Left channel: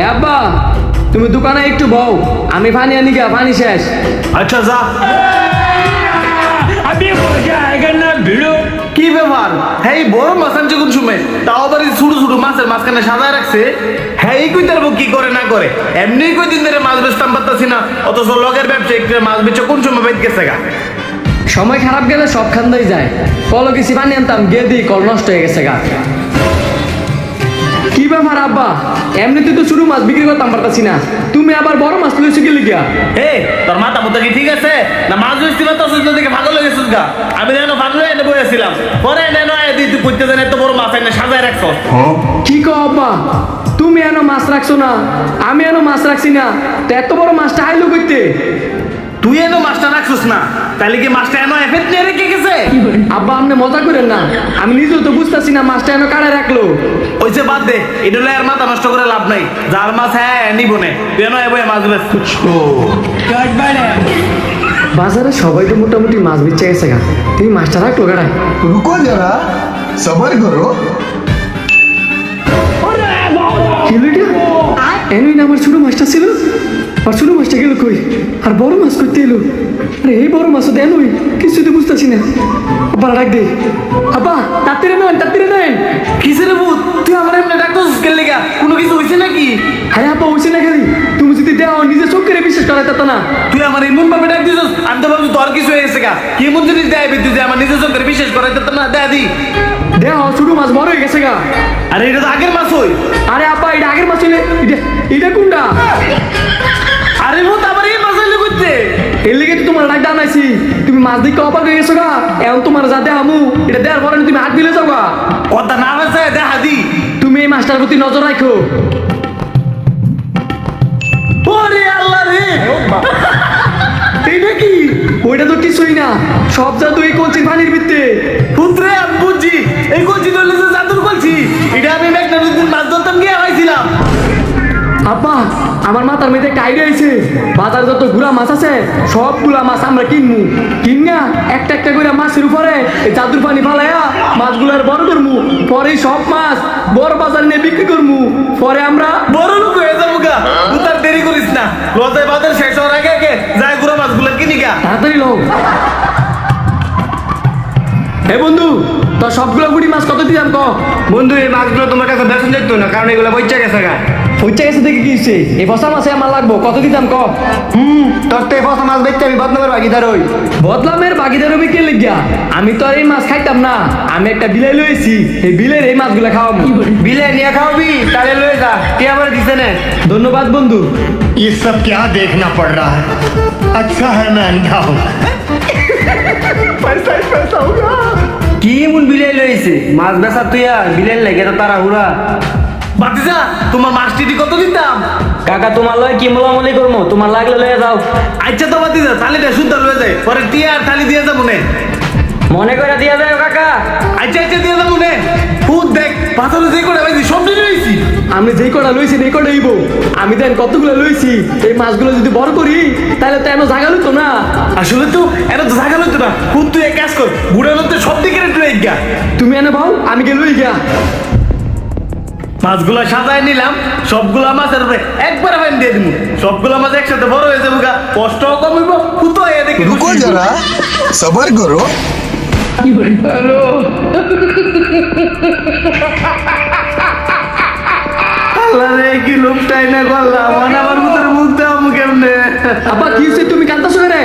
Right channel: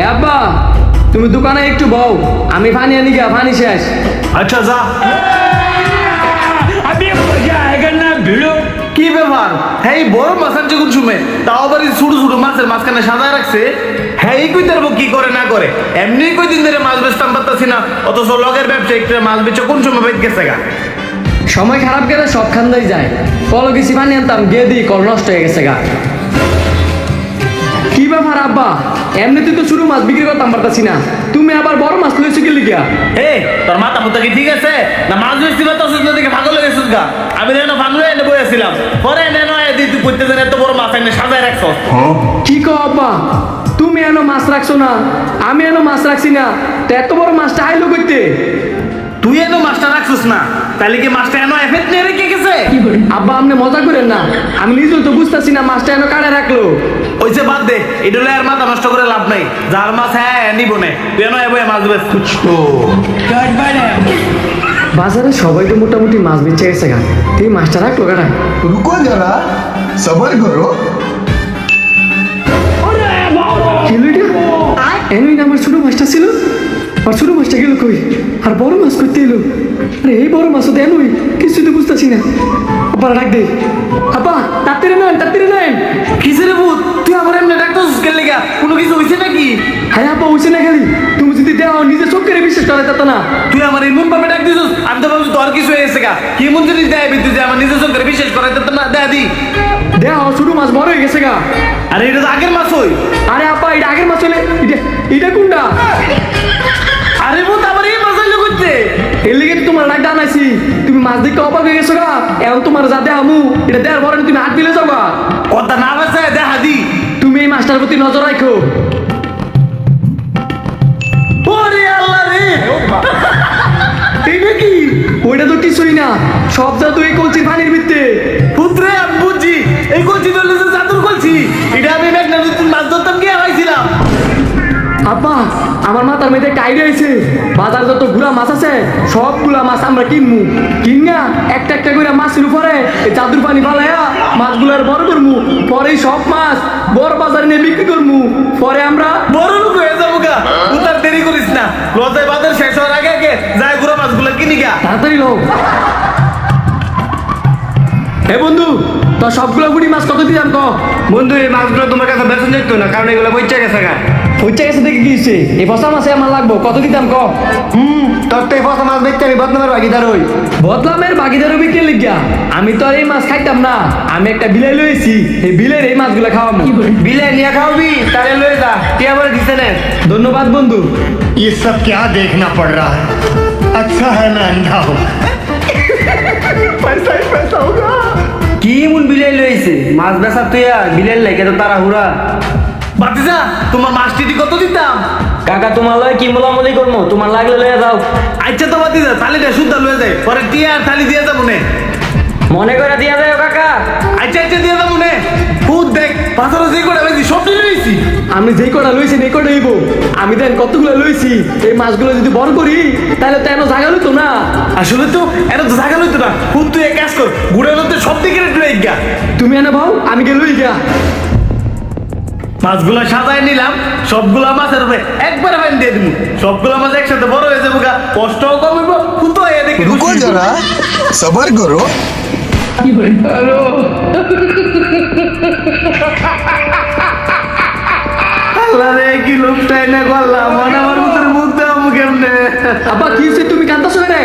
এ আব্বা, তুমি দোকানে একটু বও, আমি পানি আনি গা, পানি শেষ। আচ্ছা যা। अभी मजा आएगा ना भिड़ो। কি ব্যাপার? হ্যাঁ এই বড় মাছ আনছে কোন সময়? তাও আবার এই ছোট ছোট মাছের মাঝখানে সাজায় রাখছে। হ্যাঁ এই কই তারবো কি করে না করে, এমনি কই দিন ধরে মাছ বেচতাম পারতাছি না, অথচ লগের ব্যবসা একটু মাছ বেচে কোন সময় বাইত গেছে গা। সময় খারাপ গেলে সব খান্দাই যায়। কল গেছি পানি আনতাম, গিয়ে দিই কল নষ্ট হয়ে গেছে গা। কি ব্যাপার আব্বা, এমনিতে তো ছোট মাছ বিক্রি করতাম পারতাছি না, তুমি আবার বড় মাছ লইছো কি লিগা? এ তোর মাথা মুতা কি ঠিক আছে না? মাছ বেচতে পারতাছিস না দেখে পাগল হয়ে গেছিস গা। আমি যেন ফানলে এনে বইয়াছিলাম, পরে এনে তুই করতে জানে এত বড় মাছ এনে সাজায় রাখছস। কি কো আব্বা, তুমি এনো মাছ রাখছো না, আমি এনো মাছ রাখছি না, তো এত বড় মাছটা আইলো কইতে? তুই এনো মাছটা রাখছিস না, তাহলে কি মাছটা এনো এফেট নিয়ে রেখে গেছে? আব্বা আপনি মজা করেন না, আমি নিজেও তো বুঝতাছি না মাছটা এনো কাড়ে রাখলো। ওইসে বাদ দে, এটা হলে আর মাথা নষ্ট করে লাভ নাই। যার মাছ হ্যাঁ নিব নে, তুই এনো এবো মাছ বেচ। गड़बड़ है। বাজারে সবাই তো মোটামুটি মাছ বেচে গেছে গা, তুই মাছটা রাখলো কাড়ায়। रुको जरा सबर करो। এনুই না আমার ছোট মাছটা ছিল, আর ছোট মাছটা গেল কই? আর বড় মাছ করতে এলো? আরে এই বড় মাছও দেনুই, কিছু তো বুঝতেছি না। আব্বা ডাক দে, আব্বা তাড়াতাড়ি নেন, তাড়াতাড়ি নেন। কিসের রে ভূত, তুই আমার এমনি ডাকতেছিস কেন লেগা? কোনো কিছু হইছে নাকি? আরে আব্বা হইছে না, খালি তুমি যদি দেও নিজে চোখ করে বিশ্বাস করা যেত না। তুই আমার এমন ভাবে ডাক দিছিস, আমি তো ভাবছি তোর কিছু হয়ে গেছে গা। কি এমন জিনিস দেয় তুই যে আমার নিজে চোখের বিশ্বাস করাই দিতাম না? দেয়া দি। দেহ ছোট মাছ বড় হয়ে গেছে গা। আরে এটা তো আগের মাছ হই। আরে আব্বা এটা আগের মাছ হলে এটা এটা কোনটা? আরে ভূত আবার এই মাছ হইলো করতে। এর লেগে তো তোমার ডাক দানাইছি, তুমি মাছ দেখে অবাক হয়ে গেছো গা। এখন তোমার যা দেহামু এটা দেওয়ার পরে তুমি হাত বিলে যাও গা। কথা না বেছে দেখা দি। তুমি এই মাছটার প্রতি নজর রাখো। ওরে আল্লাহ রে, এইটা কি? ওইটা তো কিছুই না, সব জাদু এই কলসির পানির ভিতরে। পুত্রে আমি বুঝছি, এই কলসি ধরলে যে জাদুর কলসি। এটা আমি মেঘনা নদীর মাছ ধরতাম গিয়ে পাইছিলাম। আব্বা আমার মাথার মেয়েদের একটা আইডিয়া আইছে, বাজার যত গুড়া মাছ আছে সবগুলা মাছ আমরা কিনমু, কিনা একটা একটা করে মাছের উপরে এই জাদুর পানি ফালাইয়া মাছগুলার বড় করমু, পরে সব মাছ বড় বাজারে নিয়ে বিক্রি করমু, পরে আমরা বড় লোক হয়ে যাবো গা। তুই তার দেরি করিস না, লজায় বাজার শেষ হওয়ার আগে আগে যাই গুড়া মাছগুলো কিনি গা। তাড়াতাড়ি লও। হে বন্ধু, তো সবগুলো ফুটি মাছ কত দিলাম ক? বন্ধু এই মাছগুলো তোমার কাছে বেসন যেত না, কারণ এগুলো বইচা গেছে গা। হইচা গেছে দেখে কি হইছে? এই ফসা মাছে আমার লাগবো, কত দিতাম ক? তোর তো এই ফসা মাছ বেচতে আমি বদনামের ভাগিদার হই। বদলামের ভাগিদার হবি কে লিগা? আমি তো আর এই মাছ খাইতাম না, আমি একটা বিলাই লইছি, এই বিলের এই মাছগুলা খাওয়ামু। বিলে নিয়ে খাওয়াবি, তাহলে লয়ে যা, টিয়া বলে দিছে না। ধন্যবাদ বন্ধু। ये सब क्या देखना पड़ रहा है? अच्छा है मैं अंधा हूँ। पैसा ही पैसा होगा। কি এমন বিলাই লইছে মাছ বেচা তুইয়া বিলের লাগে তো তারা হুরা। বাতিজা তোমার মাছটি কত দিতাম? কাকা তোমার লয় কি মোলামুলি করবো, তোমার লাগলে লইয়া যাও। আচ্ছা তো বাতিজা, থালিটা শুদ্ধ লয়ে যায়, পরে টিয়া আর থালি দিয়ে যাবো নে। মনে করে দিয়া যায় কাকা। আচ্ছা আচ্ছা দিয়ে যাবো নে। ভূত দেখ, পাথরে যে কটা বেশি সব নিয়ে লইছি। আমি যেই কটা লইছি এই কটা হইব। আমি দেন কতগুলো লইছি, এই মাছগুলো যদি বড় করি তাহলে তো এনো জাগা লইতো না। আসলে তো এটা তো জায়গা লইতো না। ভূত তুই এক কাজ কর, গুড়ানোতে সব দিকে রেট লই গা। তুমি এনে ভাও, আমি গে লই গা। মাছগুলা সাজায় নিলাম, সবগুলা মাছের উপরে একবারে ফাইন দিয়ে দিমু। সবগুলা মাছ একসাথে বড় হয়ে যাবো গা, কষ্টও কমিব, ফুতো হয়ে দেখে रुको जरा सबर करो। আল্লাহ রে কি লোকটাই না করলাম, মানে আমার ভিতরে মুখ দেওয়া মুখ এমনে। আব্বা কি হইছে, তুমি কান্দাছো রে?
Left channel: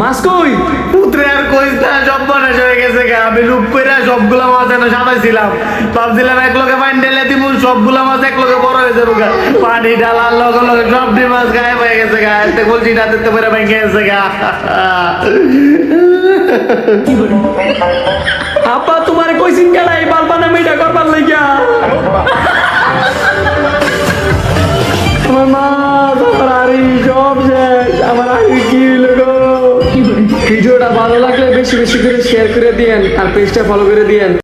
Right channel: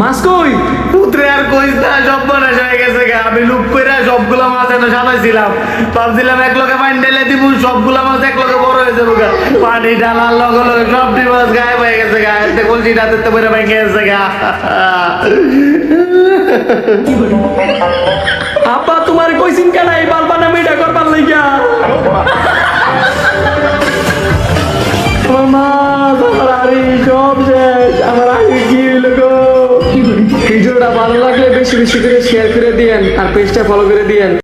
মাছ কই? পুত্রে আর কইস না, সব বনাশ হয়ে গেছে গা। আমি লুপ কইরা সবগুলা মাছ এনে সাজাইছিলাম, ভাবছিলাম এক লোকে পানি ঢেলে দিমু, সবগুলা মাছ এক লোকে বড় হয়ে যাবো গা। পানি ঢালার লগে লগে সবটি মাছ গায়েব হয়ে গেছে গা। এতে কলসি রাতে তো বেড়ে ভেঙে গেছে গা। আব্বা তোমার কইছিন কেডা এই বালপানা মেয়েটা করবার লাগিয়া? আমার মাছ, আমার আড়ি সব শেষ, আমার আড়ি কি হইল গো? ভিডিওটা ভালো লাগলে বেশি বেশি করে শেয়ার করে দিয়েন আর পেজটা ফলো করে দিয়েন।